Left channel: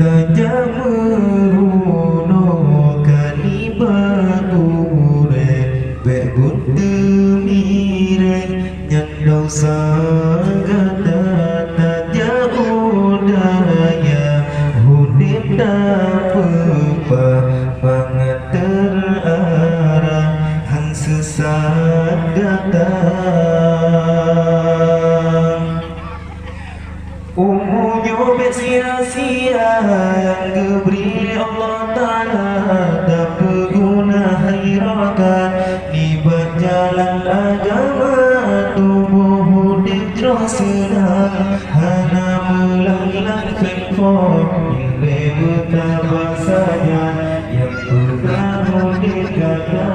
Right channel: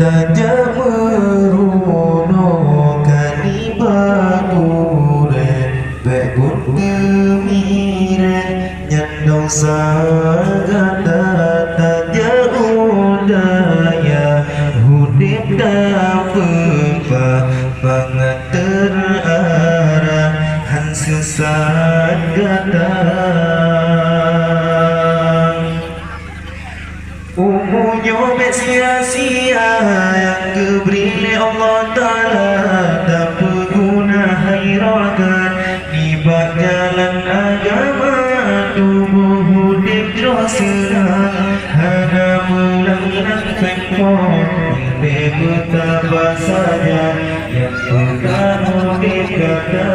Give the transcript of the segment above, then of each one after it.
tajam merunokan ibadure bebut temire nyandong sagata tajam udaya hudip dapet banget terarah han sesat gata umumnya sia-sia yang diberi Allah Ta'ala tak berguna hairakan di bak jalan agama tubuh hudik rosana hana melang-lang fengkong ilmu betapa saja yang pernah hudik kata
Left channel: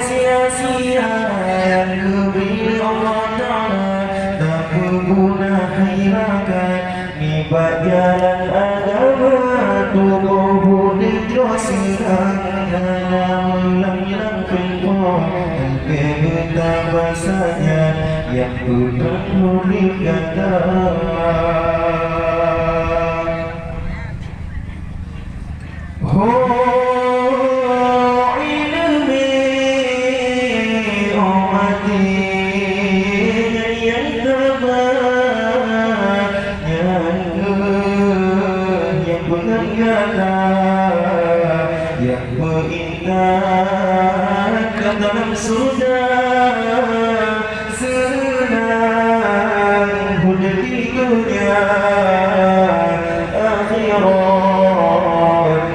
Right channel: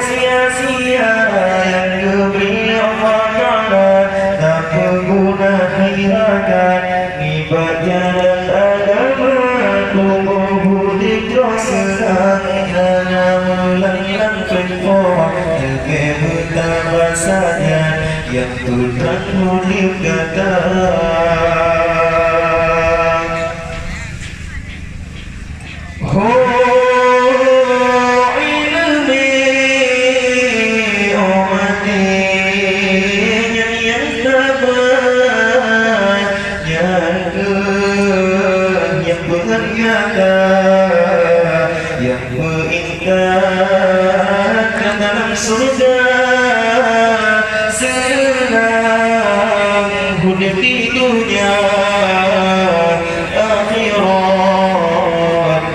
sia-sia yang diberi Allah Ta'ala tak berguna hairakan ibadah jalan agama tubuh budik rasa hana melang-lang fengkong ilmu betapa saja yang Tuhan murid kata yang mengindahkan dalam surga senang hidup di dunia akhirat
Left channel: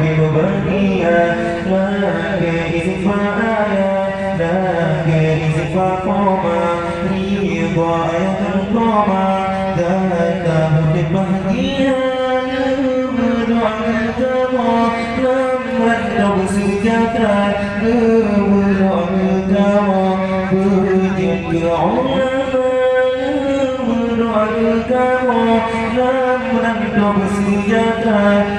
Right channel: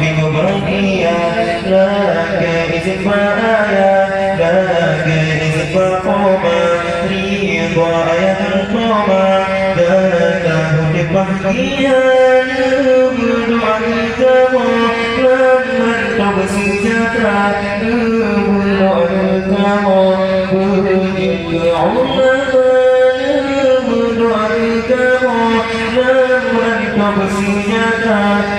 bingung bahagia laga izin ma'aya laga izin faqoma ridha ayat al-qoma dan hidup bahagia bersenjata berdoa berzikir ulama berdoa bersenjata